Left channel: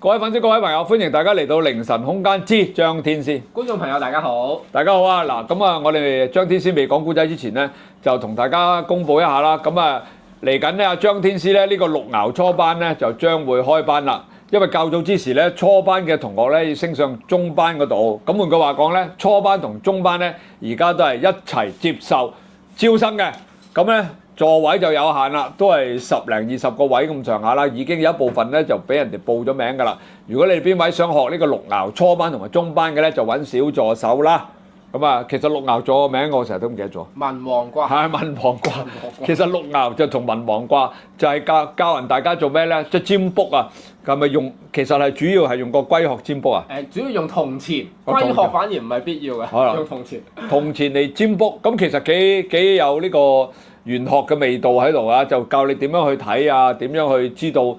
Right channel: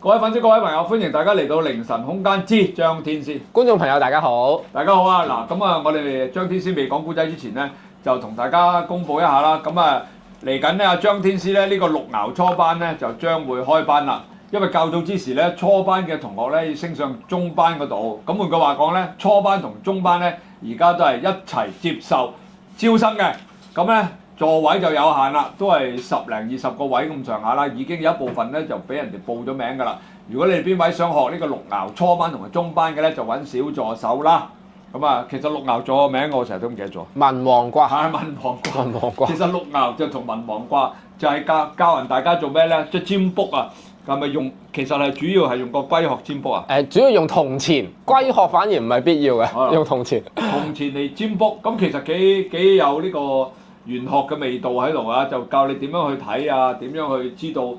各位粉絲、各位朋友，歡迎大家嚟到凌晨空間之張天師。觀眾朋友大家好，大家好啊！嗱，咁啊，我哋張天師未講古仔之前咧，就同大家公佈一下啦。咁啊，嚟緊咧，阿張天師咧呢個六爻初班咧就將會開班啦。因為較早之時咧，初班嘅同學咧要升上中班嗰度。咁換句話講咧，初班同中班咧而家都係一齊接受招生嘅。咁咧座位就有限啦，都係10零20個位咁上下啦。已經有一部分咧就俾人哋報咗名㗎啦。如果你哋邊位想學呢個六爻初班同埋中班嘅咧，就揾小助手啦。咁啊，其實六爻座嘅名我成日都唔記得咗。文王卦係文王卦。文王卦其實六爻就同文王卦就係教人大家做咩咧？即係占卜啊。係咪用？其實係主要係用個龜殼占卜啊。主要用銅錢，龜殼反而唔係必要嘅，用銅錢。銅錢嚟占卜，咁其實幾有呢個玄學嘅味道喺度啊！就教你點樣去睇啊，點樣去知道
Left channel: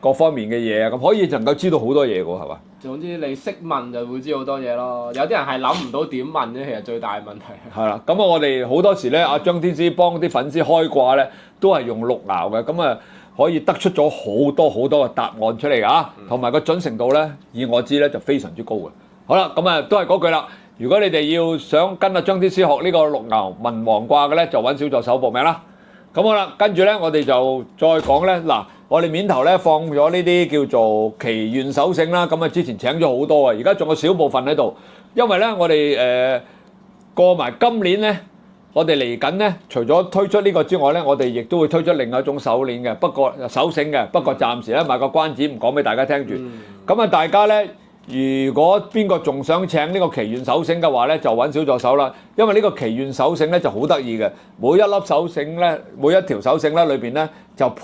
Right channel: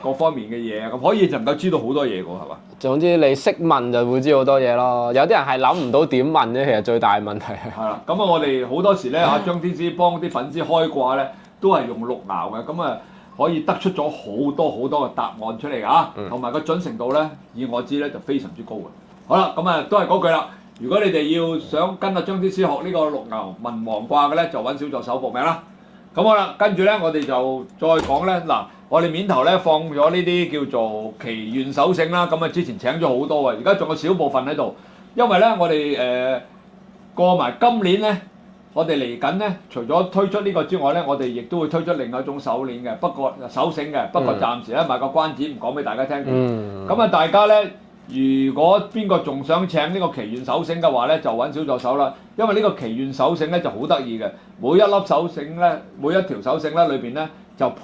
各方面嘅嘢啊，咁可以能夠知道好多嘢㗎喎，係嘛？總之你識問就會知好多嘢咯。有啲人係諗唔到點問啫，其實最大問題係啦。咁啊，我哋好多時咧，阿張天師幫啲粉絲開卦咧，都係用六爻嘅，咁啊可以得出咗好多嘅答案出嚟㗎，同埋個準程度咧，以我知咧就非常之高嘅。好啦，咁啊都係嗰句啦。如果你哋要想跟阿張天師學呢個六爻文王卦嘅咧，就揾小助手報名啦。咁好啦，跟住咧我哋就再講咧嗱，我哋面頭咧放咗呢啲叫做祈願手繩啦。咁啊之前請咗好多啊，而家仲有少部分喺度，因為咧我哋過埋今年咧，我哋嚟緊咧，除咗推出呢個之外咧，我哋亦都會推出另外一種手鏈嘅，不過手繩嘅，不過暫時咧賣個關子，唔講俾大家聽住。咁啊，大家咧。如果邊個仲想請呢個祈願手繩嘅話咧，就揾小助手啦。因為呢個祈願手繩咧就好得意嘅，每一粒手繩咧，每一條手繩咧裏邊咧就配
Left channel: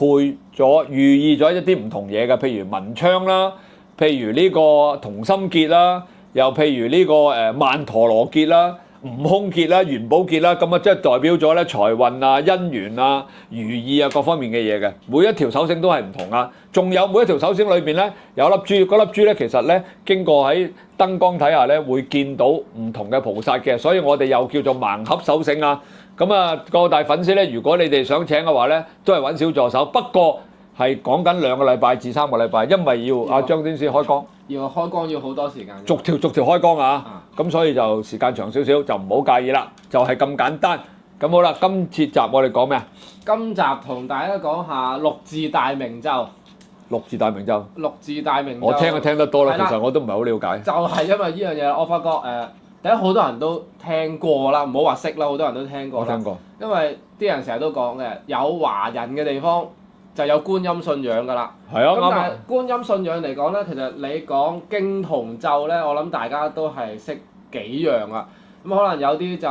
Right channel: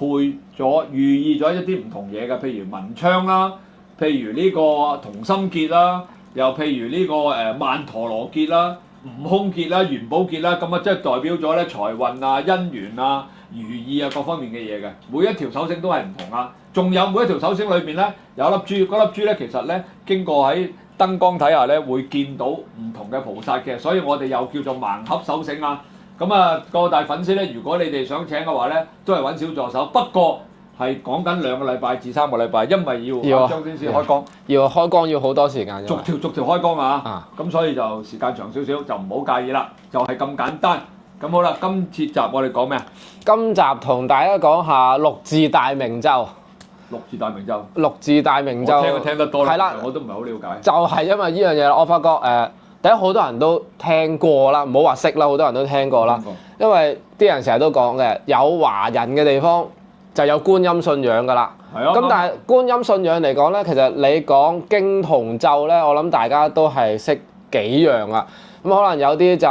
咗寓意咗一啲唔同嘢嘅，譬如文昌啦，譬如呢個同心結啦，又譬如呢個曼陀羅結啦、悟空結啦、元寶結啦，咁啊即係代表咗咧財運啊、姻緣啊、如意啊各方面嘅嘢嘅。每一條手繩都係唔同啊。仲有每一條手繩裏邊咧有粒珠，嗰粒珠咧其實咧經過喺燈光睇下咧會見到唔同嘅菩薩嘅，所以我哋又叫做盲盒手繩啊。咁啊，各大粉絲咧，如果你哋想請嘅話咧，都係揾小助手，不過係講緊2個禮拜至3個禮拜，因為要張天師開光，要開光要好多時間，逐條開光啊。咁所以就時間長少少，就唔好介意啦，就係咁簡單。咁好啦，今次集我哋講咩啊？今集同大家講下六字大明咒。六字大明咒，六字大明咒，我聽得多啦，其實我都唔係好了解。就係因為呢樣嘢，我發覺第一好多人都聽過啦，唔好話識啦，好多人都聽過啦。因為啲人成日都講嘅，有華人嘅地方就有觀音信仰㗎啦。係啊。咁但係觀音信仰嚟講咧，其實你講經同咒咧，我諗大家都係識幾樣啊。咁可能有啲就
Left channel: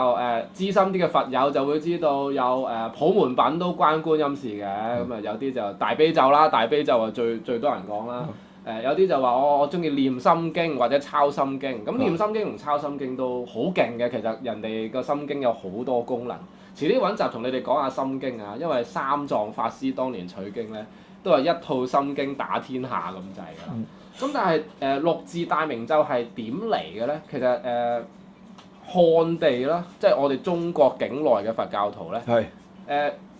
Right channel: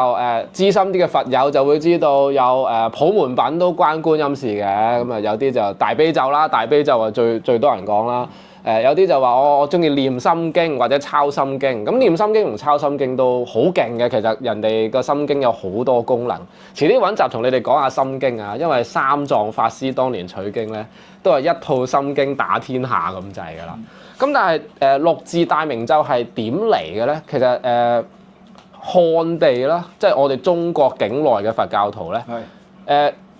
資深啲嘅佛友就會知道有普門品都關觀音事嘅，咁啊有啲就大悲咒啦，大悲咒啊最多人講啦。有啲就話我中意念心經或者抄心經，咁念心經同抄心經都好勁嘅。其實人哋個心經有好多功能。遲啲揾集同你哋講下心經啊，因為三藏法師當年取經咧，都係一套心經打天下咁滯㗎啦。咁但係六字大明咒係點嚟嘅咧？其實漢地啦，即係我哋中國境內嘅佛教徒咧，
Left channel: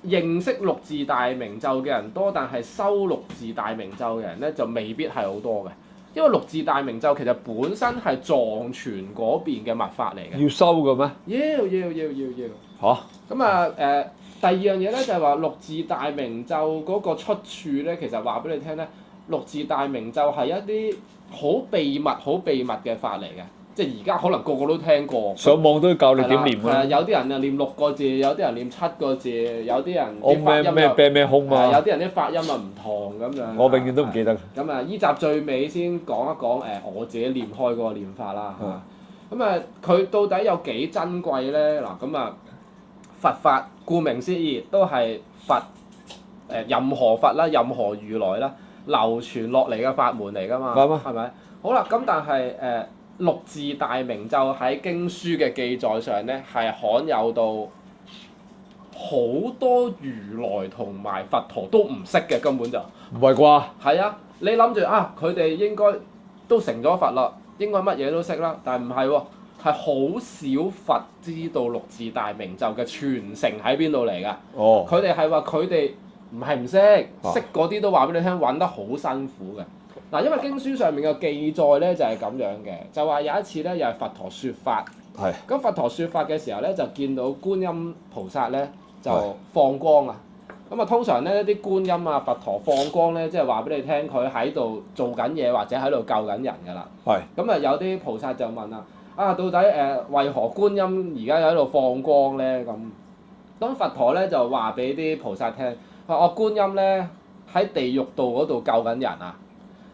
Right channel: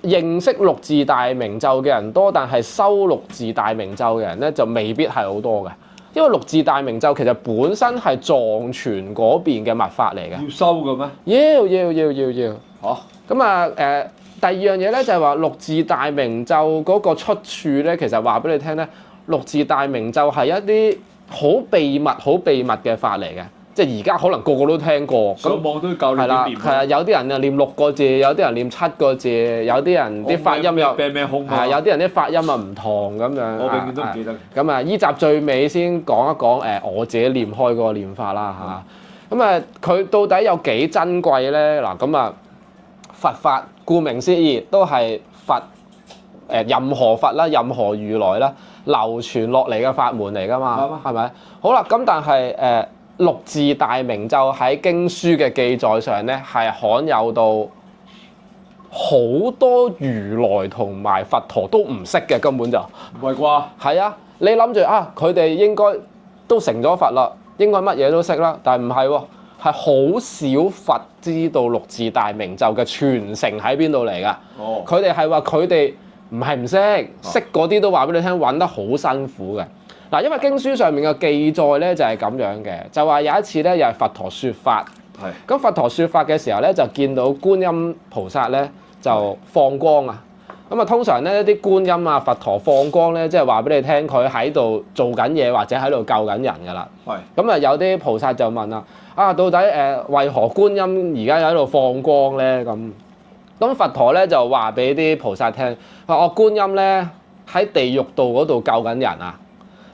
認識六字大明咒嘅人多，但係修六字大明咒嘅人咧就未必係好多嘅，因為六字大明咒其實本身係藏傳嗰邊嘅密法嚟嘅。要修嘅咩？要。嚇！咁啊第二樣嘢咧就係話六字大明咒嗰個出處咧，其實話俾你聽咧，六字大明咒係一啲好秘密嘅法嚟嘅。即係而家可能個個都聽過，上網都教你點念。係啊，有啲人啊念6個字，有啲人念7個字，有啲人啲發音又咩空啊，有啲人啲發音啊唔同咁樣。我永遠都唔記得。咁啊，依集最尾先講一講我自己念開嗰個念法啦嚇。咁啊，佢到底有幾珍貴咧？嗱，咁啊，佛法顧名思義都係佛任何佛啦，任何如來啦，流傳落嚟嘅法門嚟㗎嘛，係咪？好啦，咁但係六字大明咒喺經書嘅記載上咧，係罕有到好多如來同埋佛陀都唔識嘅，根本就唔係啩？係啊，你諗住啊，佢哋應該都成咗佛啦，應該乜嘢都識啦，但係唔係喎，係好少佛知道六字大明咒嘅傳承喺邊度嚟㗎。哦，佢哋係話佢哋唔係唔識，識嗰啲都話俾你聽，揾得好辛苦嘅。嗱，因為經書上面嘅記載咧就係咁樣嘅，就話有一次咧又係佛陀説法，係咁佛陀説法嘅時候咧就見到觀音菩薩咧就放光啊，咁啊通常咧啲觀音啊佛陀放光咧，即係話俾你聽佢喺度做緊嘢或者喺度救緊人㗎啦。係咁啊有啲菩薩就問啦，到底為何觀音而家喺度放光咧？咁佛陀咧就話俾啲菩薩聽，話我觀音咧喺地獄道嗰度救緊人啊！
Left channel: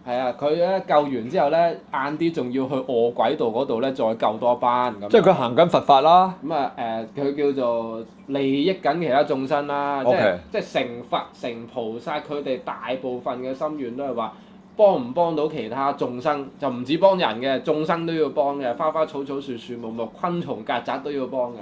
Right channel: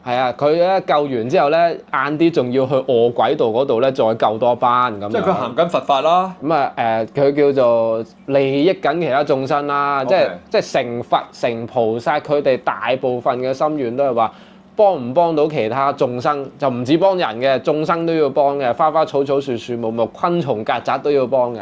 係啊，佢咧救完之後咧，晏啲仲要去餓鬼道嗰度咧，再救多班咁。即係佢行緊佛法啦。咁啊佢叫做利益緊其他眾生啦， Okay. 即係成佛成菩薩，佢哋大部分嘅心願都係話幫唔幫到其他眾生，就唔止幫人嘅，眾生都要幫嘅，花花草草樹樹木木昆蟲曱甴都要幫嘅。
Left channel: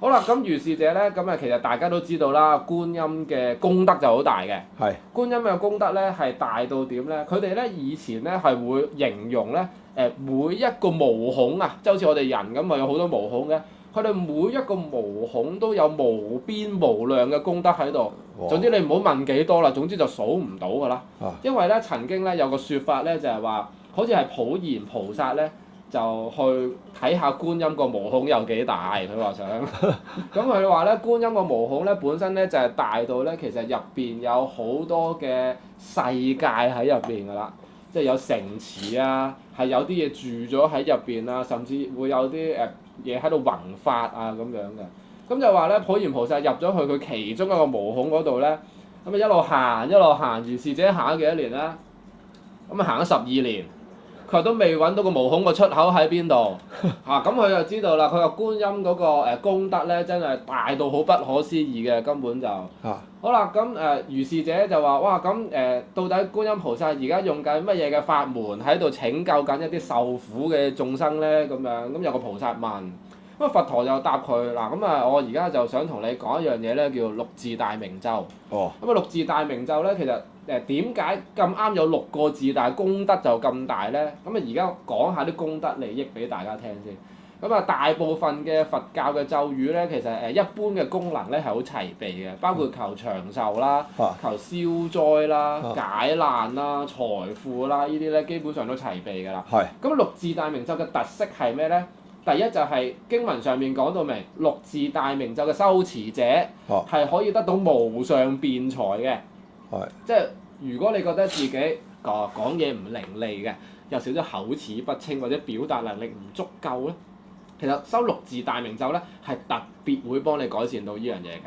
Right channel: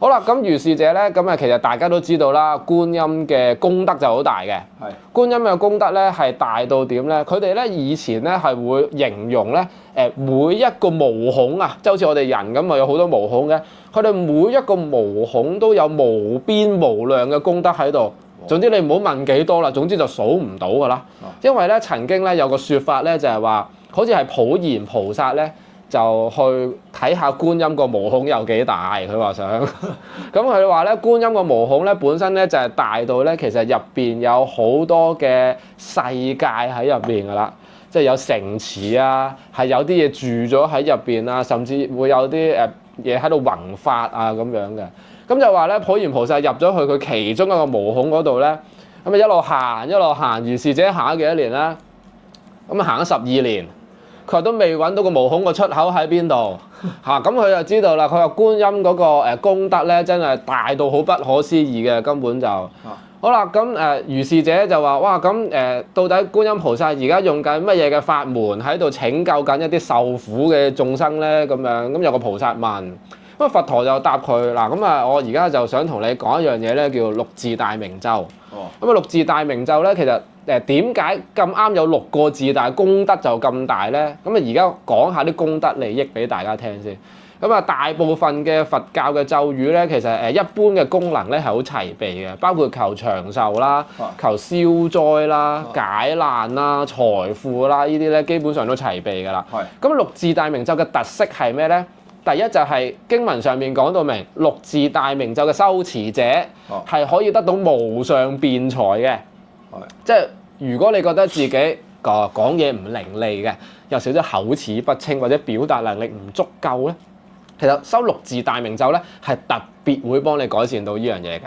好啦，咁如是者咧，咁啊其實大家都知道啦，觀音嘅功德就好大嘅。係觀音嘅功德咧係大到點咧？佢哋咧以前咧係會形容咧每一個毛孔啊，即係好似我哋人咁咪有好多毛孔嘅，佢哋每一個毛孔都有無邊無量嘅功德喺度。總之你唔好問幾多啦，總之就數唔到㗎啦。因為咧曾經咧有個説法咧就係話，好似係普賢菩薩咧。就去睇下觀音個毛孔有幾大，佢話想。咁佢話咧，觀音個毛孔咧本身咧就係大到咧，其實入邊有好多嘅世界喺入邊㗎啦，即係有城池啊，係有啲嘢住咗喺入邊啊，甚至會有啲嘢喺度弘法啊咁樣嘅。咁就話咧，普賢菩薩入咗去佢其中一個毛孔嗰度咧，咁啊一路行一路行，如是者行咗幾多年咧？咁啊行咗12年。佢話都未揾到個毛孔個出口喺邊度嚇，咁佢就知道啦。佢話觀音嗰個功德咧，真係大到好不可思議嘅，根本就好啦。咁如是者就話：哇，咁到底觀音菩薩而家用緊乜嘢嘅法門喺度拯救緊一啲受苦嘅眾生咧？咁樣咁有個菩薩問，咁佛陀就答佢嗱，咁啊我而家就想同你講一樣嘢咧，叫六字大明咒。咁啊六字大明咒咧，其實點解咁啱有6個字，但係功德就咁大咧？咁啊而家講下啲功德利益俾大家聽先。咁啊大部分嘅佛教嘅咒語咧，其實一般嘅功能咧係好齊備嘅，包括求長壽啦、求消災啦、解難啦、財富啦，呢啲咧基本上都齊備㗎啦。咁六字大明咒嘅特色係咩咧？第一就係經文上面講到明，六字大明咒嘅修持者係可以得到無上辯才嘅。即係如果你覺得自己講嘢唔伶俐嘅，有少少口齒不清或者表達能力唔足夠咧，其實修六字大明咒咧係特別會幫你改善到呢樣嘢嘅。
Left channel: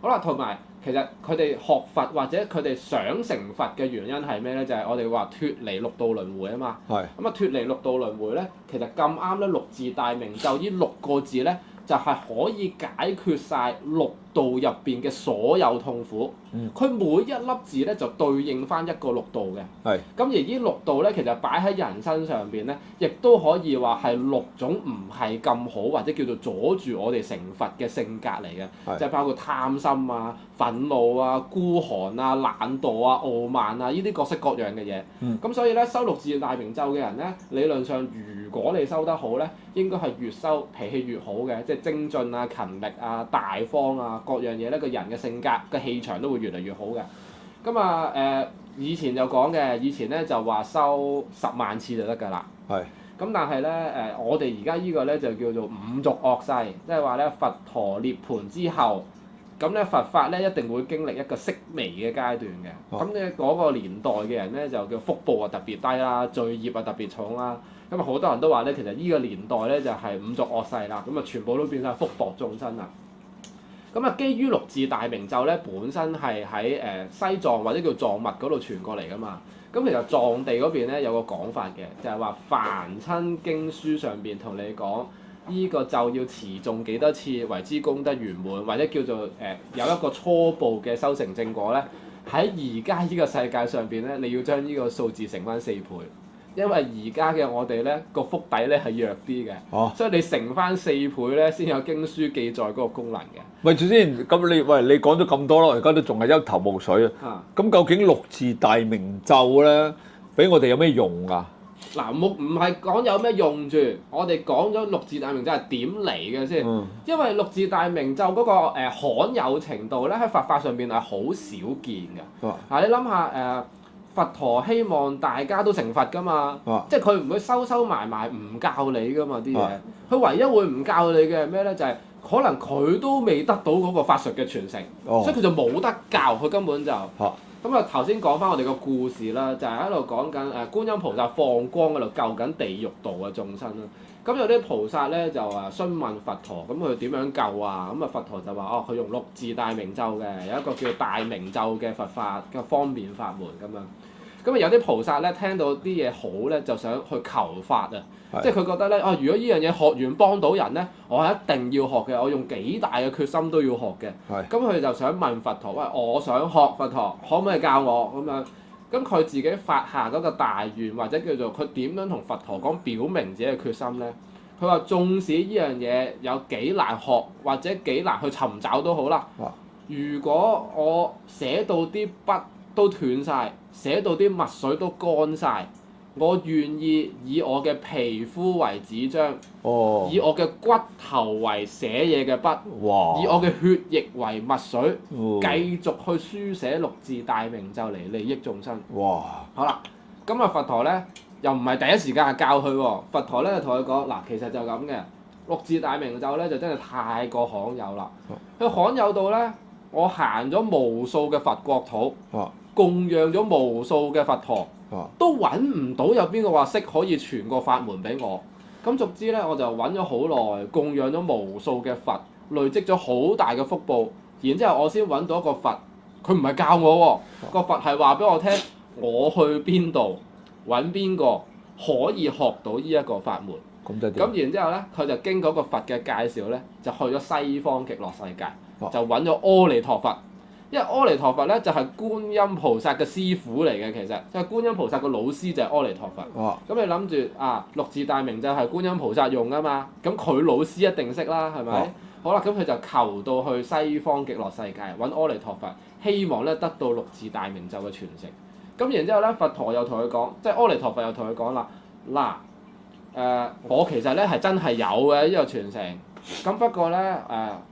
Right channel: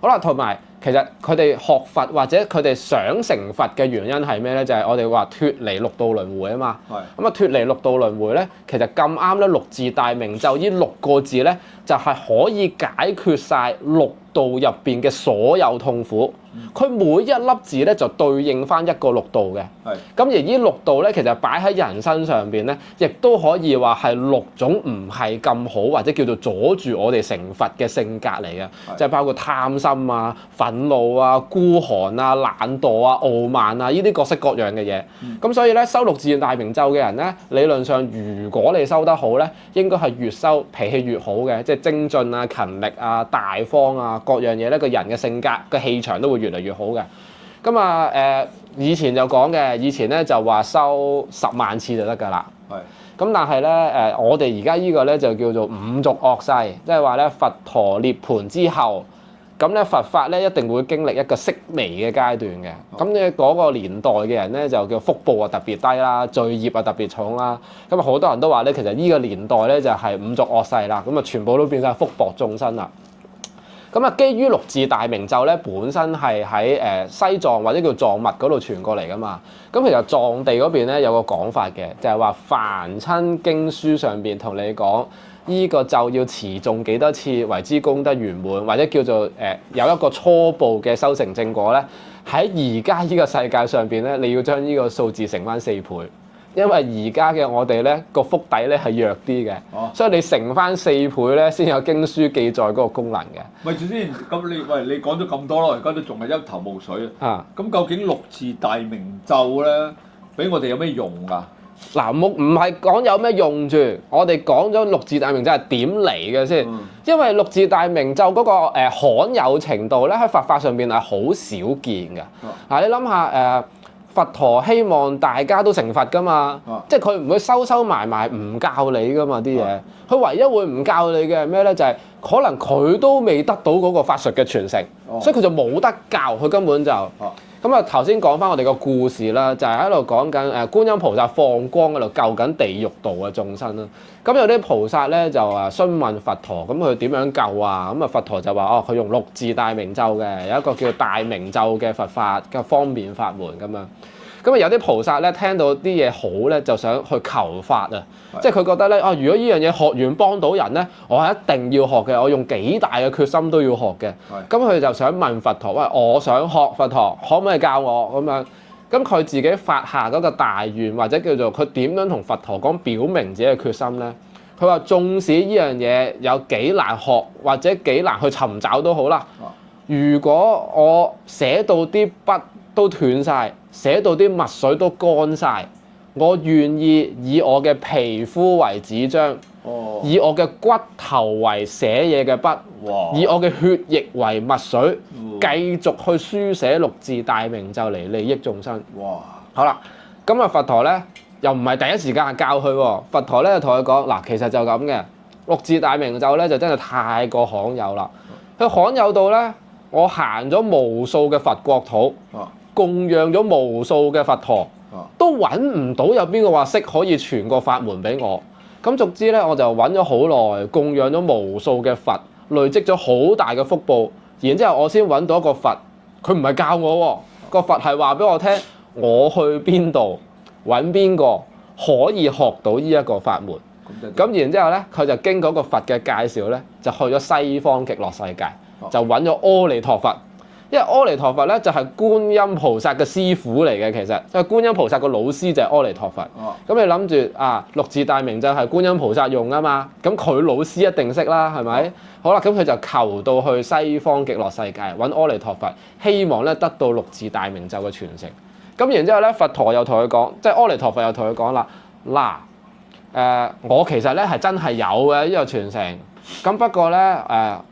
好啦，同埋其實佢哋學佛或者佢哋想成佛嘅原因係咩咧？就係我哋話脫離六道輪迴啊嘛。咁啊脫離六道輪迴咧，其實咁啱咧，六字大明咒呢6個字咧，就係可以解決晒六道入邊嘅所有痛苦。佢每一粒字咧就對應翻一個六道嘅。咁而呢六道咧，其實擺喺人身上邊咧，亦都可以話係6種唔係咁好或者叫做阻住我哋成佛嘅性格嚟嘅，即係包括貪心啊、憤怒啊、孤寒啊、懶惰啊、傲慢啊，呢啲各式各樣嘅嘢。咁所以咧，修六字大明咒嘅人咧，理論上如果你修得好咧，應該係越修脾氣越好嘅，即係精進啊、勤力啊、大方啊，各樣嘢咧，個人嘅性格嘅氣場都會越嚟越好嘅。咁啊以前就講嘅，以前咧就話修10萬次就得㗎啦。咁但係咧我哋而家呢個咧就叫做五濁惡世，即係話咧佛陀涅槃之後，咁咧佛法咧一定會經歷一個式微嘅階段嘅。咁你嗰個年代嘅人咧就叫福報啊特別低啦，罪業啊特別重啦。咁啊好多人都話咧，其實呢個年代咧就係五濁惡世啦，咁啊全部都變晒福薄眾生啦。咁啊，基於六字大明咒咧，本身係喺西藏或者叫藏密嗰度傳過嚟噶嘛。咁其實藏地嗰邊咧有個講法嘅，就係話凡親經書上邊同你講，依個咒要持誦幾多次為之功德圓滿，或者叫做有一個初步嘅修成正果咧，喺而家呢個世界上邊咧，你要將呢個數字乘翻4倍。因為而家嘅我哋咧個腹底咧係弱啲嘅，所以你乘翻4倍咧先有經書記載嗰個功能嘅。喂，住先，咁你講咗咁多咯，而家都仲係一頭霧水啊！咁究竟六字大明咒咧，俾我哋有咩用啊？嗱，唔係講有咩用住，我哋講咗六字大明咒係點嚟嘅先。因為六字大明咒嗰個罕有程度咧，喺佛法上邊係好少見嘅。嗱，你諗下佛陀希望大家都成佛噶嘛，即係佢唔會收埋唔教你噶嘛啲嘢。佢唯一會唔教你嘅係咩咧？就係、可能佢都未得到嗰個法術嘅傳承，所以佢就冇得教，佢根本就。咁啊頭先講翻我哋個故事啦，就係喺度講緊觀音菩薩放光嗰度救緊地獄道嘅眾生啦。咁有啲菩薩咧就詢問佛陀，咁佢點樣救啊？咁啊佛陀就話佢用六字大明咒嘅，有一個叫大明咒嘅佛法嘅方便法門咁樣。咁啊有啲菩薩咧聽到啲嘢好咧，就想去求法啊，即係佢覺得咧如果呢樣嘢學完幫到人咧，我係一定要學嘅，我用幾大嘅決心都要學嘅。咁佢就想問佛陀，喂，我想學佛陀，可唔可以教我咁樣？咁佢自己發下嗰個大願，或者叫做佢點樣同佛陀講表明自己嘅決心咧？佢話縱使呢樣嘢有幾難學，或者幾難去尋找都好啦。如果我寫到啲筆都斷晒，寫到啲墨水都乾晒，我願意以我嘅皮膚為紙張，以我嘅骨頭為寫嘢嘅筆，以我嘅血液為墨水，繼續去書寫六字大明咒嚟利益眾生。好啦，咁啊佛陀咧又唔係第一時間教佢喎，佛陀咧就同佢講嗱，其實就咁嘅，六字大明咒咧就真係太過罕有啦。佢罕有到咧，我行咗無數嘅佛國土，供養咗無數嘅佛陀，都揾唔到有邊個話識可以傳個法門俾我。咁逐之咧，我就揾咗好耐，供養咗無數嘅佛，累積咗好大嘅福報。然之後我先揾到一個佛，佢唔係教我喎，個佛係話俾我聽，我去邊度揾邊個可以學到呢一個法門。咁然之後咧，佢就經嗰個佛嘅介紹咧，就去咗西方極樂世界，就揾咗阿彌陀佛。因為阿彌陀佛咧就係觀音菩薩嘅師傅嚟嘅，其實即係觀音菩薩個老師就係阿彌陀佛。咁你諗住六字大明咒係觀音菩薩用啊嘛，咁佢老師一定識啦，係咪？好啦，咁佢就求到去西方極樂世界揾阿彌陀佛，希望咧得到六字大明咒嘅傳承。咁然之後咧，佛陀又同佢講，即係阿彌陀佛又同佢講啦，嗱我其實咧係真係有嘅呢個傳承。咁不過咧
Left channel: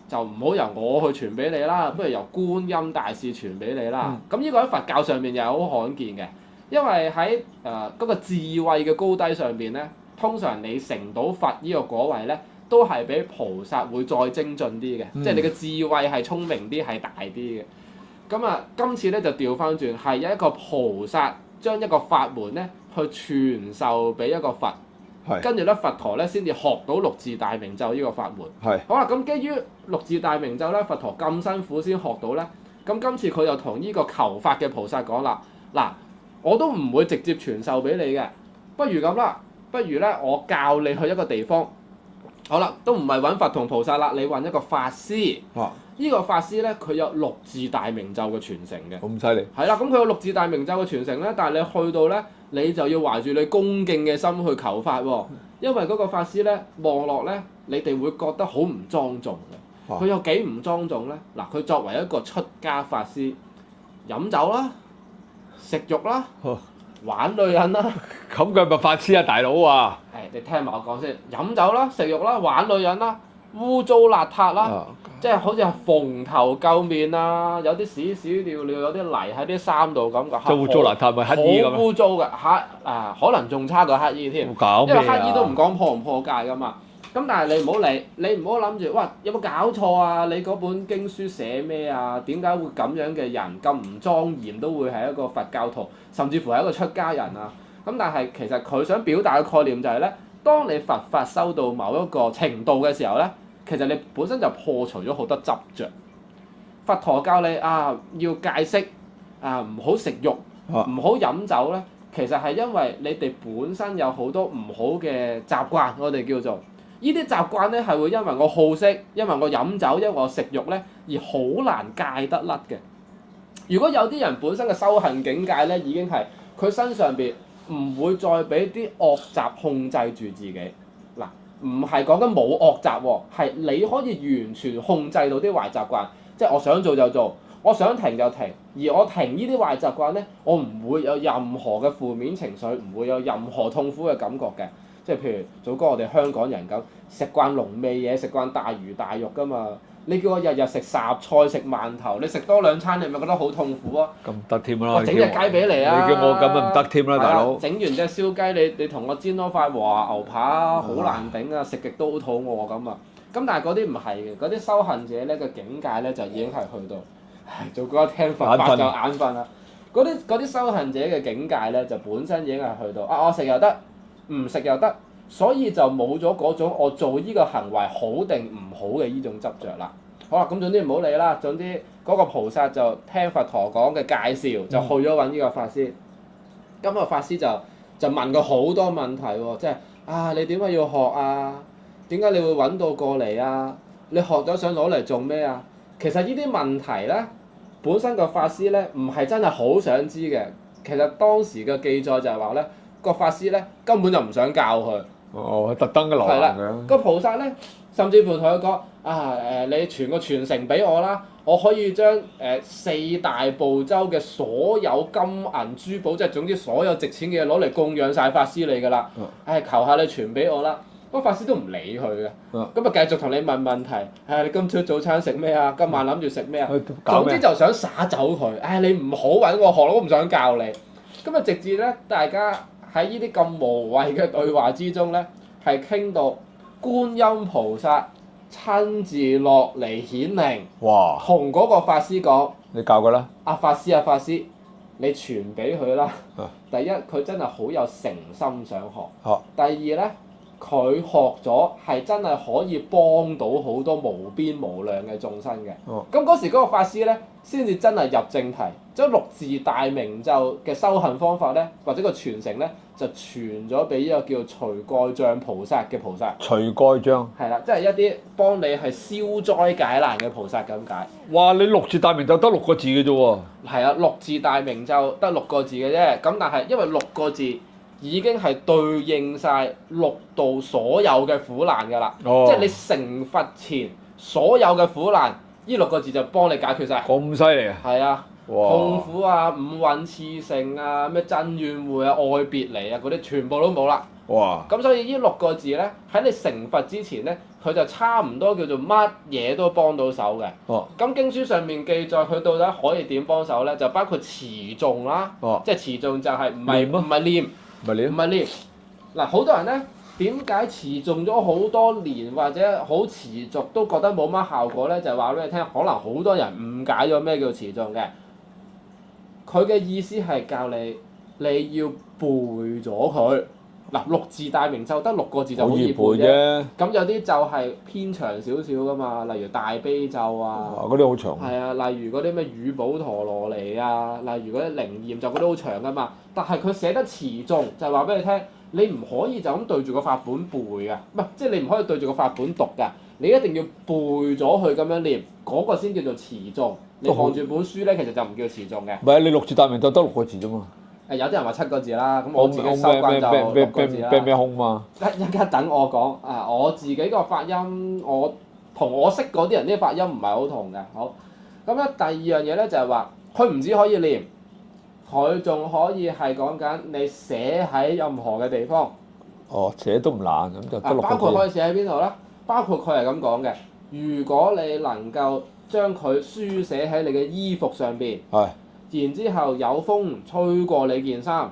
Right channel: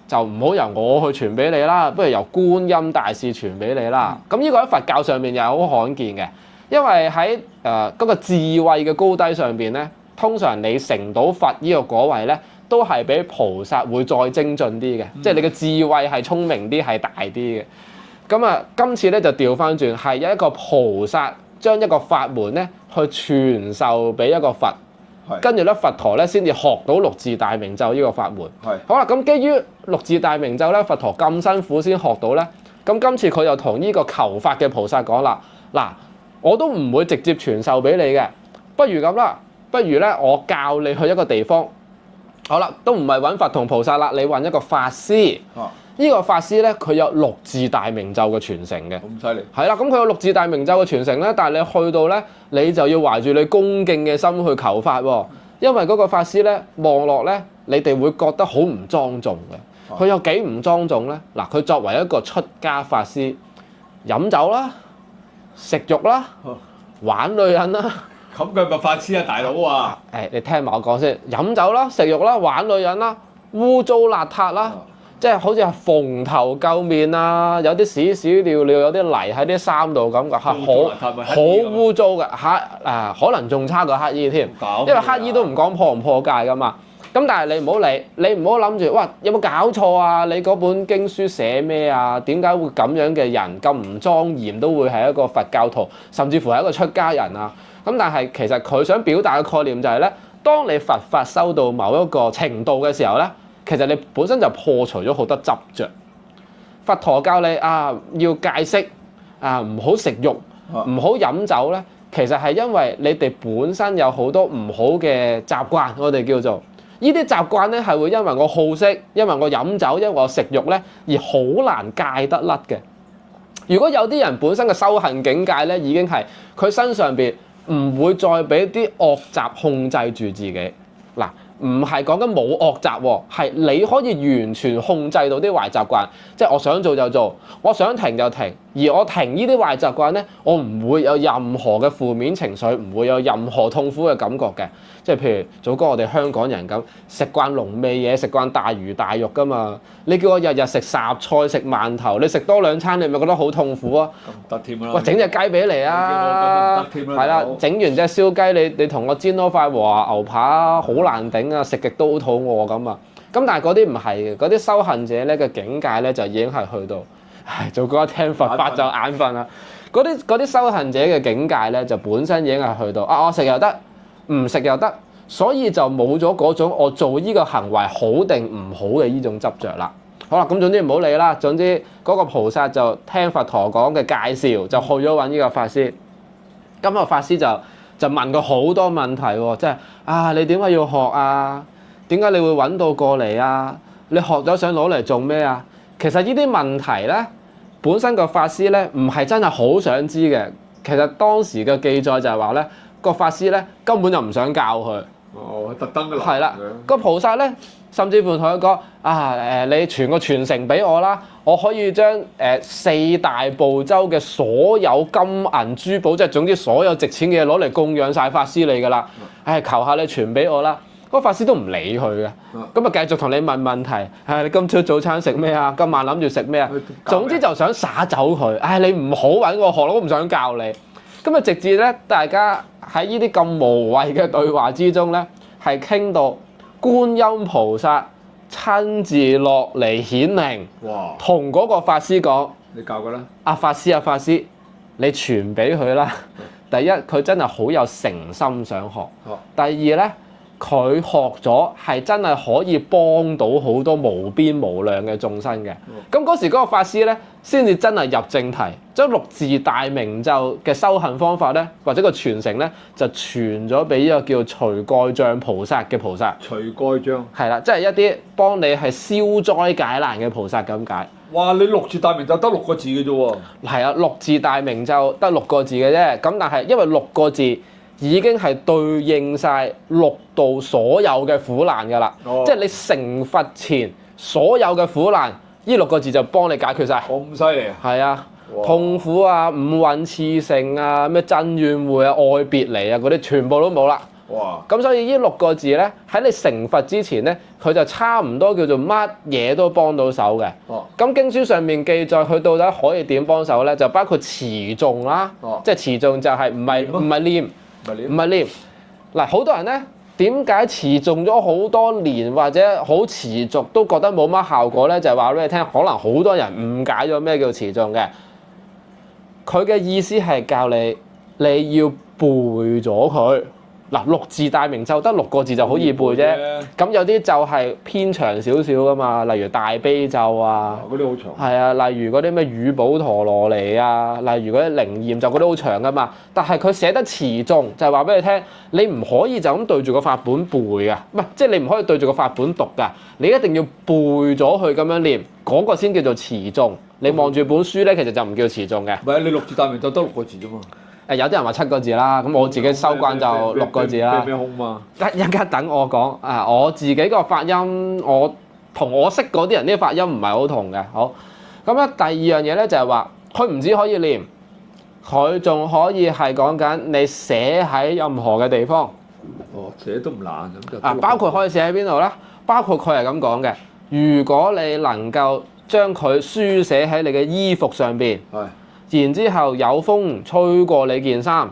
就唔好由我去傳俾你啦，不如由觀音大士傳俾你啦。咁呢個喺佛教上面又係好罕見嘅，因為喺嗰個智慧嘅高低上邊咧，通常你成到佛呢個果位咧，都係比菩薩會再精進啲嘅，即係你嘅智慧係聰明啲，係大啲嘅。咁今次咧就調翻轉，係有一個菩薩將一個法門咧去傳授俾一個佛。跟住咧，佛陀咧先至學到六字大明咒呢個法門。好啦，咁基於六字大明咒咧，佛陀咁辛苦先學到咧，咁今次佢就同呢個求法嘅菩薩講啦，嗱，我都唔會直接傳授俾你嘅，不如咁啦，不如咧我教你去一個地方。好啦，都唔係揾佛同菩薩啦，你揾一個法師。呢個法師咧，佢有六字大明咒嘅傳承嘅。咁犀利。係啦，咁佢有六字大明咒嘅傳承咧，但係你去到咧，你就要懷住你恭敬嘅心去求法喎。因為嗰個法師咧望落咧，你哋會覺得好唔莊重嘅。佢有幾唔莊重咧？嗱，佢作為一個出家法師，飲酒啦、食肉啦、玩女人啦。咁佢咪法師啊，大佬啊！你聽埋我講先，飲酒啦、食肉啦、玩女人啦、污糟邋遢啦。即係好似係蓬頭垢面啊，有啲屎屎尿尿，有啲泥喺啲衫度咁嘅，好污糟邋遢咪乞衣咁。好污糟嘅可能仲差過乞衣添，因為乞衣都唔講破唔破戒噶嘛。咁但係你唔好理，你唔好諗住，哇有冇搞錯啊？你嗰本經書寫咩啊？點解會咁樣嘅人咁唔莊嚴都會係一個佛教徒，甚至乎係一個出家人啊？咁但係其實佢想表達嘅概念就係咧，當你佛法修到某一個程度嘅時候咧，其實你本身就破除咗好多執着。佛陀教你要戒色唔好食肉，唔好飲酒咧，其實係因為你哋本身有好多唔好嘅習慣，我哋叫做呢啲習慣咧係會因為我好色，因為我飲酒，因為我食肉咧而好難戒得甩嘅。如果有啲人本身嘅修行境界咧已經係佢身上邊唔會再俾啲惡習控制住自己嗱。唔係講緊冇惡習喎，係你可以完全控制到啲壞習慣，即係我想做就做，我想停就停，而我停呢啲壞習慣咧，我唔會有任何嘅負面情緒，唔會有任何痛苦嘅感覺嘅。即係譬如祖哥我哋香港人咁，食慣濃味嘢，食慣大魚大肉㗎嘛。你叫我日日食雜菜食饅頭，你食多2餐，你咪覺得好痛苦啊？咁唔得添啦！喂，整隻雞俾你啊！你叫我咁啊唔得添啦，大佬。整完隻燒雞，你同我煎多塊和牛扒，好難頂啊！食極都好肚餓咁啊！咁但係嗰啲唔係嘅，嗰啲修行者咧嘅境界咧就已經係去到，唉，做嗰一聽佛法就眼瞓啦。嗰啲修行者嘅境界咧就本身已經係去到啊，我食又得，唔食又得，所以就冇咗嗰種我做呢個行為好定唔好嘅呢種執着啦。好啦，咁總之唔好理啦。總之嗰個菩薩就聽佛陀講嘅介紹，就去咗揾呢個法師。咁個法師就問佢好多問題喎，即係啊，你點解要學啊？點解你會揾到過嚟啊？你學咗想攞嚟做咩啊？其實呢啲問題咧，本身個法師咧唔係真係好想知嘅。其實當時嘅記載就係話咧，個法師咧根本就唔想教佢。哦，特登嘅來係啦，嘅。個菩薩咧，甚至乎同佢講啊你傳個傳承俾我啦，我可以將4大部洲嘅所有金銀珠寶，即係總之所有值錢嘅嘢攞嚟供養晒法師你㗎啦。求下你傳俾我啦。嗰個法師都唔理佢嘅，咁啊繼續同你問問題。你今朝早餐食咩啊？今晚諗住食咩啊？總之就想耍走佢。你唔好揾我學，我都唔想教你。咁啊，直至咧，大家喺呢啲咁無謂嘅對話之中咧，係傾到觀音菩薩親自落嚟顯靈，哇！同嗰個法師講：你教佢啦。法師，你傳俾佢啦。第一，佢真係好有誠心想學。第二咧，佢學咗係真係可以幫到好多無邊無量嘅眾生嘅。咁嗰時嗰個法師咧，先至真係入正題，將六字大明咒嘅修行方法咧，或者個傳承咧，就傳咗俾呢個叫除蓋障菩薩嘅菩薩。除蓋障係啦，即係一啲幫你係消災解難嘅菩薩咁解。哇！你六字大明咒得6個字嘅啫喎。係啊，六字大明咒得6個字嘅啫。咁但係因為6個字已經係對應晒六道所有嘅苦難㗎啦。即係你成佛前所有嘅苦難，呢6個字就幫你解決晒。咁犀利啊！係啊，哇痛苦啊、五蘊熾盛啊、咩真怨會啊、愛別離啊嗰啲全部都冇啦。哇！咁所以呢6個字咧，喺你成佛之前咧，佢就差唔多叫做乜嘢都幫到手嘅。咁經書上面記載佢到底可以點幫手咧？就包括持誦啦，即係持誦就係唔係念。唔係念嗱，好多人咧點解持誦咗好多年或者好持續都覺得冇乜效果咧？就係話俾你聽，可能好多人誤解咗咩叫持誦嘅。佢嘅意思係教你要背咗佢嗱，六字大明咒得6個字就好易背啫。咁有啲咒係偏長少少噶嘛，例如大悲咒啊，嗰啲好長。係啊，例如嗰啲咩乳寶陀羅尼啊，例如嗰啲靈驗咒嗰啲好長噶嘛。但係佢寫得持誦就係話俾你聽，你唔可以就咁對住個法本背㗎，唔係即係你唔可以對住個法本讀㗎，你一定要背咗佢咁樣念，嗰個先叫做持誦。你望住本書咧，其實就唔叫持誦嘅。唔係你六字大明咒得6個字啫嘛。有啲人話7個字啦，咁我自己收慣就6個字啦。咩空嘛？一陣等我講我自己個發音，我同我識嗰啲人啲發音唔係好同嘅。好，咁咧第二樣嘢咧就係話，佢唔止可以念，佢仲可以係講緊你寫喺任何嘅地方。寫都唔難咁就。包括可以寫喺邊度咧？包括佢係咁講嘅，如果你能夠將佢書寫喺你嘅衣服上邊。然之後有風吹過你件衫，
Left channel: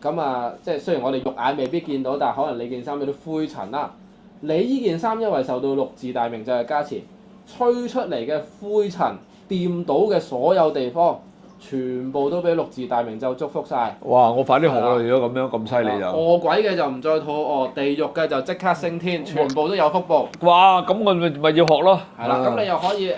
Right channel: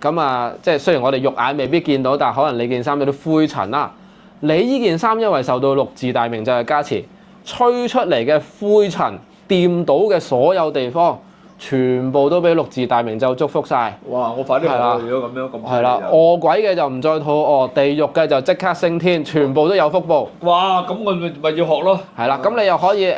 咁即係雖然我哋肉眼未必見到，但係可能你件衫有啲灰塵啦。你呢件衫因為受到六字大明咒嘅加持，吹出嚟嘅灰塵掂到嘅所有地方，全部都俾六字大明咒祝福晒。哇！我快啲學到如果咁樣咁犀利就。餓鬼嘅就唔再肚餓，地獄嘅就即刻升天，全部都有福報。哇！咁我咪要學咯。係啦，咁你又可以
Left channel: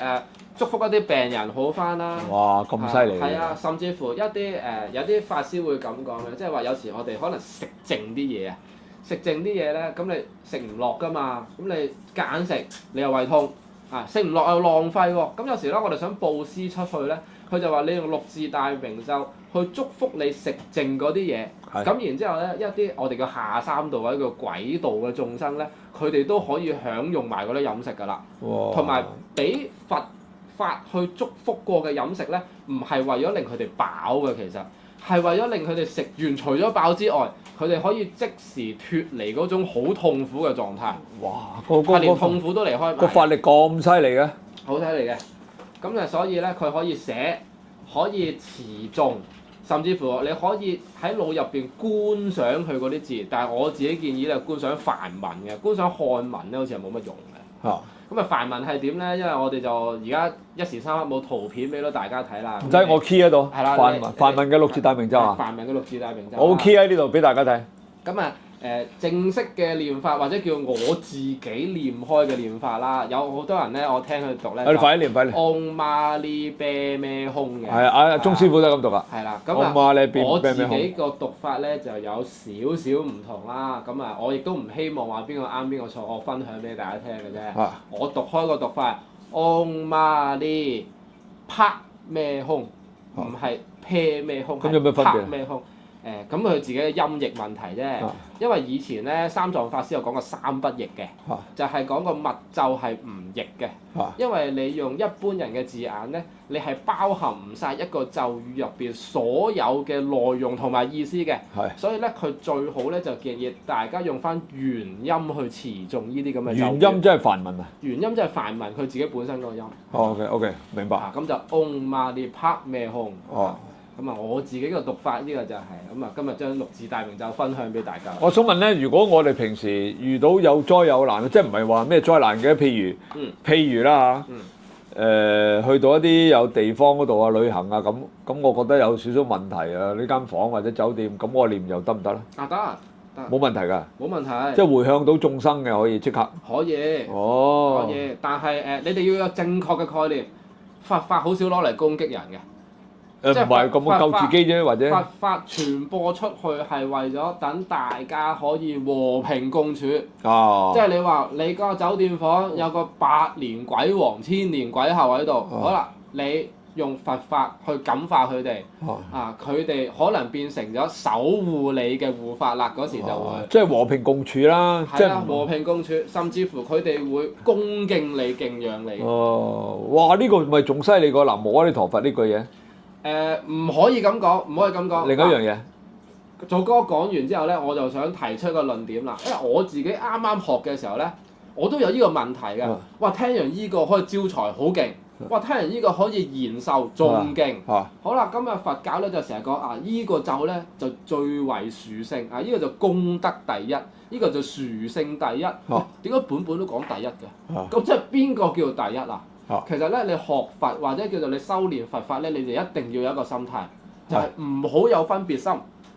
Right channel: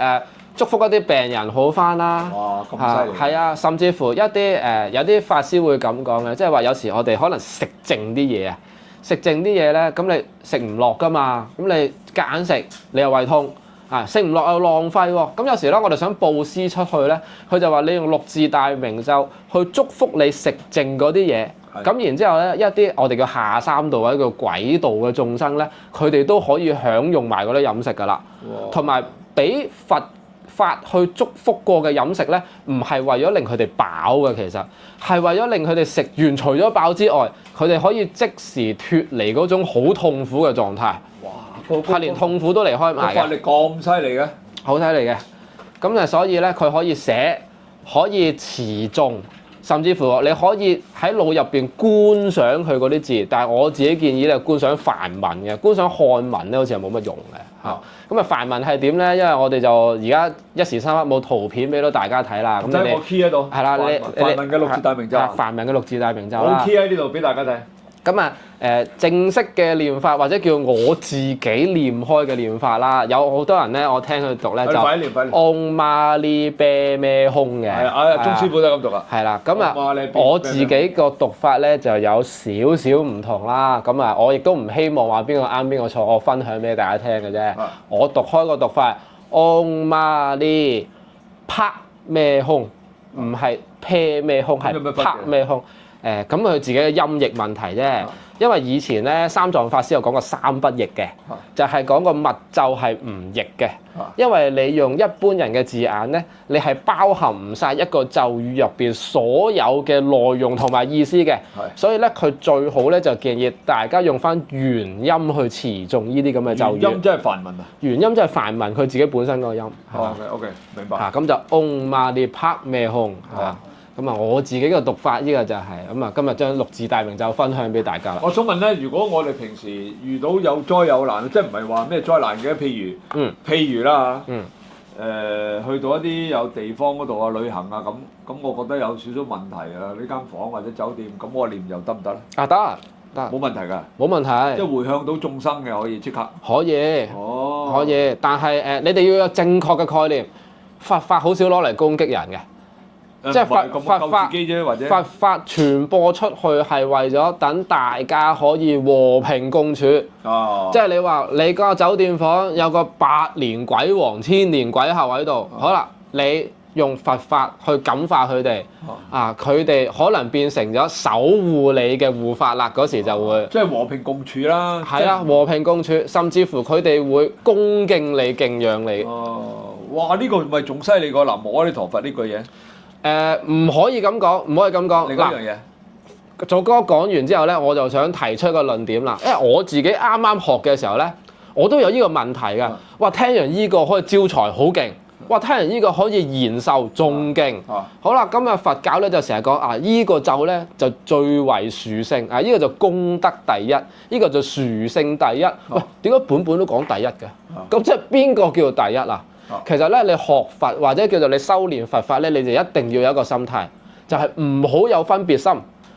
祝福一啲病人好返啦！哇，咁犀利！係啊，甚至乎一啲有啲法師會咁講嘅，即係話有時我哋可能食剩啲嘢啊，食剩啲嘢咧，咁你食唔落㗎嘛，咁你夾硬食，你又胃痛食唔落又浪費喎。咁有時咧，我哋想佈施出去咧，佢就話你用六字大明咒去祝福你食剩嗰啲嘢。咁然之後咧，一啲我哋叫下三道或者叫鬼道嘅眾生咧，佢哋都可以享用埋嗰啲飲食㗎啦，同埋俾佛法去祝福過嘅飲食咧，唔係為咗令佢哋飽嘅，其實係為咗令佢哋食完除咗飽之外，佢哋可以即時脫離嗰種好痛苦嘅狀態。哇！係連痛苦都離開埋嘅。個法力咁犀利嘅，好犀利嘅。咁就所以咧，佢可以寫，可以詞誦。甚至乎你可以喺腦入邊觀想佢嗰啲字，但係我自己建議咧觀想梵文嘅，觀想漢文咧好似係冇乜用嘅嚇。咁啊梵文係點咧？因為我哋就而家一時三刻冇圖片俾到大家睇啦。唔使我 key 喺度。係啦，梵文嘅六字大明咒。梵文嘅六字大明咒。我 key 喺呢度俾大家睇。咁啊正式嘅念法或者叫我自己念開嘅念法啦，有好多人咧，我聽佢讀咧就快啲念，快啲。Om Mani Padme Hum嘅。係啊，鐘師傅都係咁讀噶。係啦，咁啊，我自己個讀法咧就有少少唔同啦。咁啊，我亦都唔希望話邊個啱邊個錯，我分享俾大家聽嘅啫。我讀開個讀法 Om Mani Padme Hum，唔係 Padme Hum，係 Padme Hum。咁佢自己嘅音譯問題啫，因為以前咧三藏法師有講過三不譯嘅，就係講個密咒係唔譯嘅，因為你用一般人嘅字眼咧，你係包含唔晒一個咒語入邊所有嘅內容同埋意思嘅，所以咧佢最好咧就建議大家用翻原音去詞誦呢啲咁嘅咒語。原音即係梵文啊？原音即係梵文，佢自己本身個音。OK，明白。咁就 Om Mani Padme Hum。咁啊，我自己嘅讀法呢個就係咁啊，今日將六字大明咒分享俾大家啦。我想問咧，如果我哋平時遇到有災有難，即係唔係話咩災難嘅？譬如啦嚇，去到一啲有地方嗰度啊旅行啊咁，我覺得有少少問題啊，呢間房或者酒店，咁我念又得唔得咧？得，冇問題㗎。冇問題。即係迴向到眾生嘅可以即刻。可以。可以，但係你哋要有正確嘅概念，佛法好少攞嚟攻擊人嘅。即係咁救自己啫，或者佛法傳播出去係為咗等大家可以和平共處。即係你話你個酒店房有個百年鬼王、千年鬼后喺度，好啦，你用佛法去感化佢哋，佢哋可能變成咗守護你嘅護法啦，嗰時就會即係和平共處啦。係啦，和平共處，甚至乎佢哋會恭敬你、敬仰你。哇！呢個咪仲犀利過南無阿彌陀佛呢句嘢。唔可以咁講，唔可以咁講。另一樣嘢，做哥講完之後咧，我就想提出一個論點啦。因為我自己啱啱學嘅時候咧，我都有呢個問題㗎。哇！聽完呢個可以招財，好勁。哇！聽完呢個可以延壽，仲勁。好啦，咁啊佛教咧就成日講依個咒咧就最為殊勝，呢個就功德第一，呢個就殊勝第一。喂，點解本都講第一嘅？咁即係邊個叫做第一啊？其實咧，你學佛或者叫做你修練佛法咧，你就一定要有一個心態，就係唔好有分別心。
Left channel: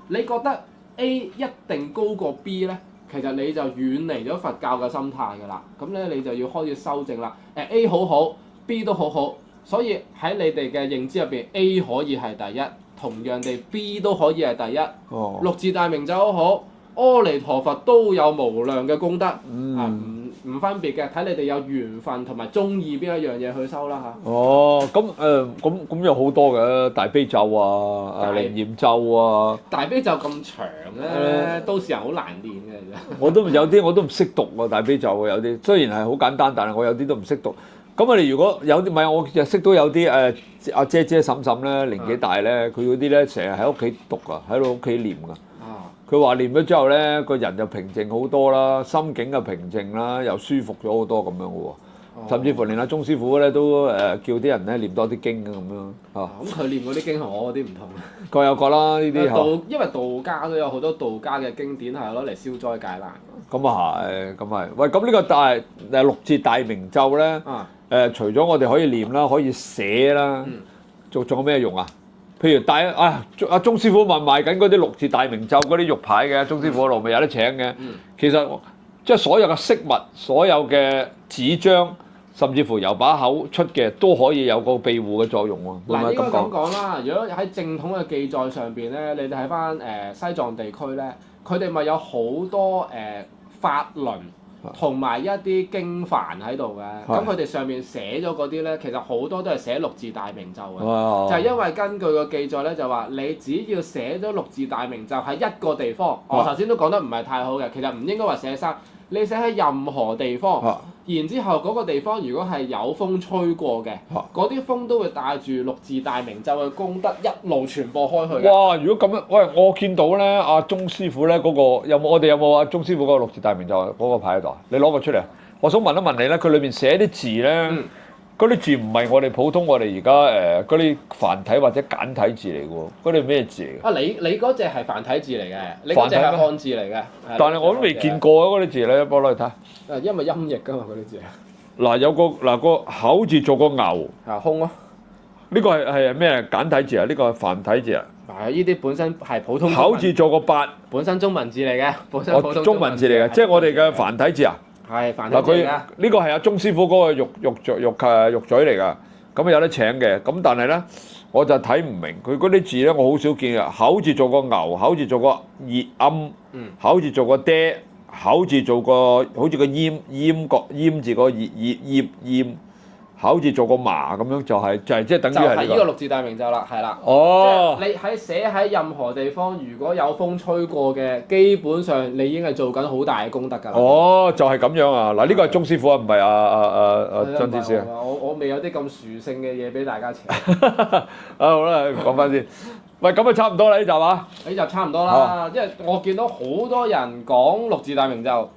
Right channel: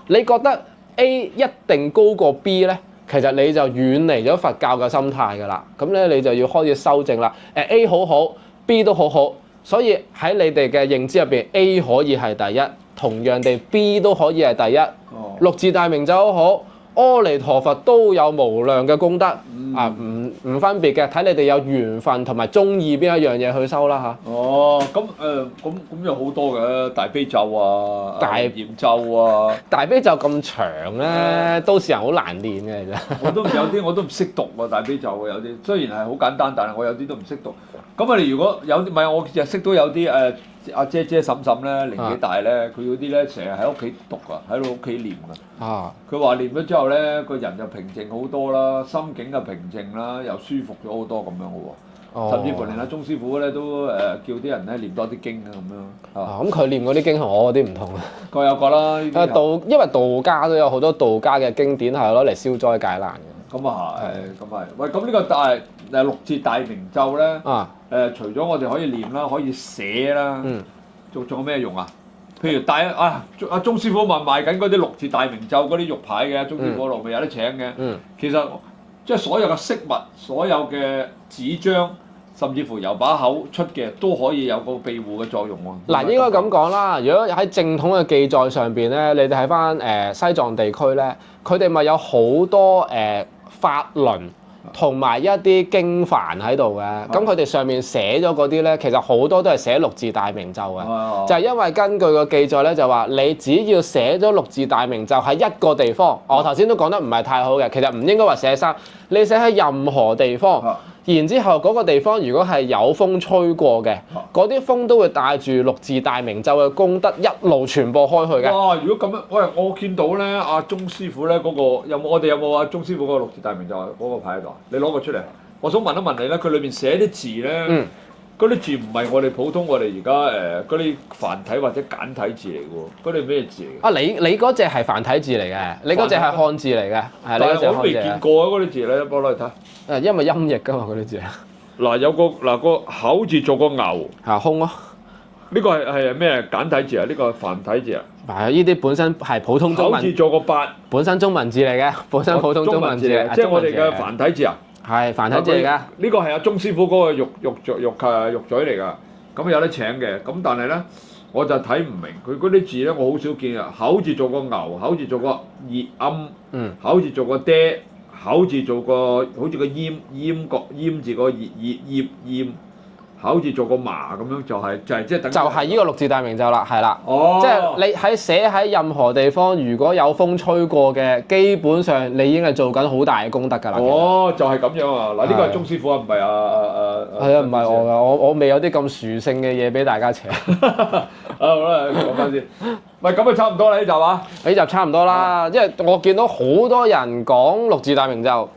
你覺得 A 一定高過 B 咧，其實你就遠離咗佛教嘅心態㗎啦。咁咧，你就要開始修正啦。A 好好 ，B 都好好，所以喺你哋嘅認知入邊 ，A 可以係第一，同樣地 B 都可以係第一。六字大明咒好。阿彌陀佛都有無量嘅功德，唔分別嘅，睇你哋有緣分同埋中意邊一樣嘢去修啦嚇。咁有好多嘅大悲咒啊，大嚴咒啊。大悲咒咁長咧，都市人好難練嘅其實。我都唔識讀喎大悲咒喎，有啲雖然係好簡單，但係我有啲都唔識讀。咁我哋如果有啲唔係，我就識到有啲阿姐嬸嬸咧，年紀大咧，佢嗰啲咧成日喺屋企讀啊，喺度屋企念㗎。佢話念咗之後咧，個人就平靜好多啦，心境就平靜啦，又舒服咗好多咁樣嘅喎。甚至乎連阿鐘師傅咧都叫啲人咧念多啲經啊咁樣。咁佢念嗰啲經同我嗰啲唔同啊。各有各啦呢啲。因為道家都有好多道家嘅經典係攞嚟消災解難。咁啊係，咁係。喂，咁呢個六字大明咒咧，除咗我哋可以念啦，可以寫啦，仲有咩用啊？譬如帶阿鐘師傅賣緊嗰啲六字大明咒嗰啲玉牌嘅，鐘師傅嗰度咪有得請嘅。其實即係所有嘅飾物、所有嘅紙張，甚至乎由把口出嘅，都可以有個庇護嘅作用喎。嗱，應該咁講啦。如果喺正統嘅記載上邊咧，你哋睇翻西藏地區咧，佢哋咪有好多法輪同埋一啲經幡喺度嘅，咁佢哋上面寫咗嗰啲咧，其實好多都係寫六字大明咒嘅，就係因為根據個記載咧，就話你只要寫咗六字大明咒喺一個地方，我頭先都講得唔係太好嘅，其實唔應該話寫三，你寫喺任何地方，然之後嗰個地方如果係有風吹過嘅，嗰啲風都會帶住六字大明咒嘅功德一路傳播開去嘅。哇！如果咁樣，喂，我見到咧，阿鐘師傅咧嗰個我哋有冇阿鐘師傅嗰個六字大明咒嗰個牌喺度啊？你攞個出嚟，我想問一問你咧，佢裏邊寫啲字咧，嗰啲字唔係我哋普通我哋而家嗰啲繁體或者簡體字嚟嘅喎，嗰啲咩字嚟嘅？啊，你嗰隻係繁體字嚟嘅，你嗰隻係漢字嚟嘅，但係我都未見過啊！嗰啲字咧，幫我攞嚟睇。因為音譯㗎嘛嗰啲字。嗱有個口字做個牛，空咯。呢個係咩簡體字啊？呢個係繁體字啊？係呢啲本身係普通中文。口字做個八，本身中文字嚟嘅，本身普通中文字嚟嘅，即係我哋嘅繁體字啊。係繁體字嚟㗎。呢個係阿鐘師傅嗰個肉嘴嚟㗎，咁有得請嘅。咁但係咧，我就睇唔明佢嗰啲字咧，我好少見啊。口字做個牛，口字做個熱âm，口字做個爹，口字做個好似個閹字個閹，口字做個麻咁樣，就係即係等於係呢個六字大明咒啦，係啦。哦，即係你喺寫喺任何地方，如果有風吹過嘅，基本上你已經係做緊好大嘅功德㗎啦。哦，就係咁樣啊！嗱，呢個係鐘師傅啊，唔係係啊，唔係我㗎，我未有啲咁殊勝嘅嘢俾大家請。好啦，講翻先。喂，咁啊差唔多啦呢集啊。呢集差唔多啦，因為我見到好多人講六字大明咒。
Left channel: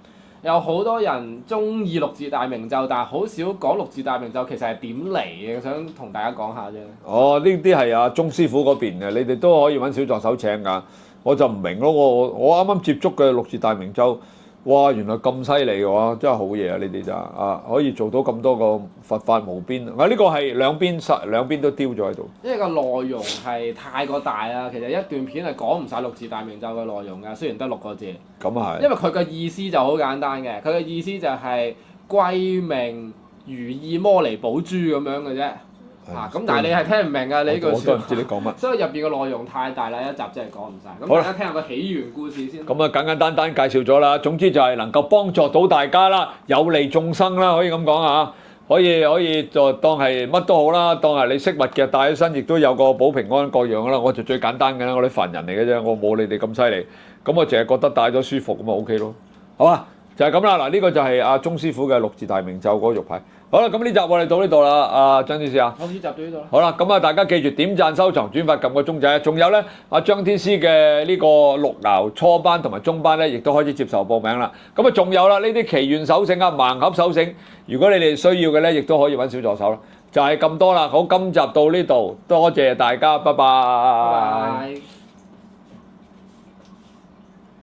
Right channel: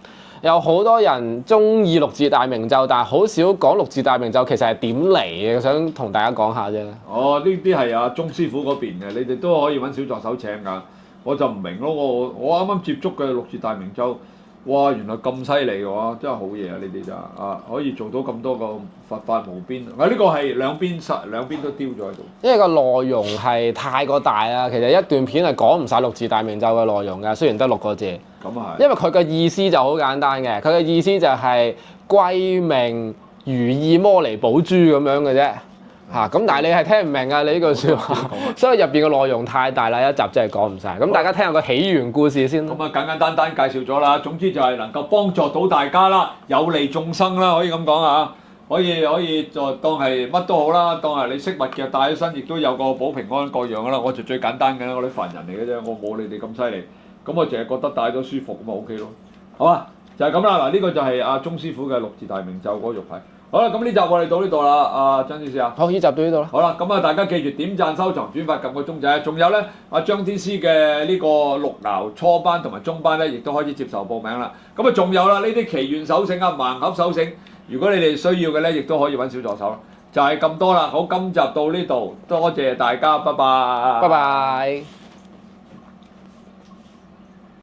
有好多人中意六字大明咒，但係好少講六字大明咒其實係點嚟嘅，想同大家講下啫。哦，呢啲係阿鐘師傅嗰邊嘅，你哋都可以揾小助手請㗎。我就唔明咯，我啱啱接觸嘅六字大明咒，哇，原來咁犀利嘅話，真係好嘢啊！呢啲真啊，可以做到咁多個佛法無邊。啊，呢個係兩邊都丟咗喺度。因為個內容係太過大啦，其實一段片係講唔晒六字大明咒嘅內容㗎，雖然得6個字。咁啊係。因為佢嘅意思就好簡單嘅，佢嘅意思就係歸命如意摩尼寶珠咁樣嘅啫。咁但係你係聽唔明啊！你呢句説話，所以入邊嘅內容太大啦，一集真係講唔晒。咁大家聽下個起源故事先。咁啊，簡單介紹咗啦。總之就係能夠幫助到大家啦，有利眾生啦，可以咁講啊。可以就當係乜都好啦，當係你飾物嘅帶起身，亦都有個保平安各樣噶啦。我就最簡單嘅啦，我啲凡人嚟嘅啫，我冇你哋咁犀利。咁我淨係覺得戴咗舒服咁啊 OK 咯。好啊，就係咁啦。嗱，呢個就係阿鐘師傅嘅六字大明咒嗰個玉牌。好啦，咁呢集我哋到呢度啦，阿張天師啊。好，呢集到呢度啦。好啦，咁啊，大家記住點讚、收藏、轉發、撳個鐘仔。仲有咧，阿張天師嘅呢個六爻初班同埋中班咧，亦都開始接受報名啦。咁啊，仲有啦，呢啲祈願手繩啊、盲盒手繩，如果你哋需要嘅咧，亦都可以揾小助手咯。就係咁多啦。好，今集到呢度，多謝大家，拜拜。拜拜。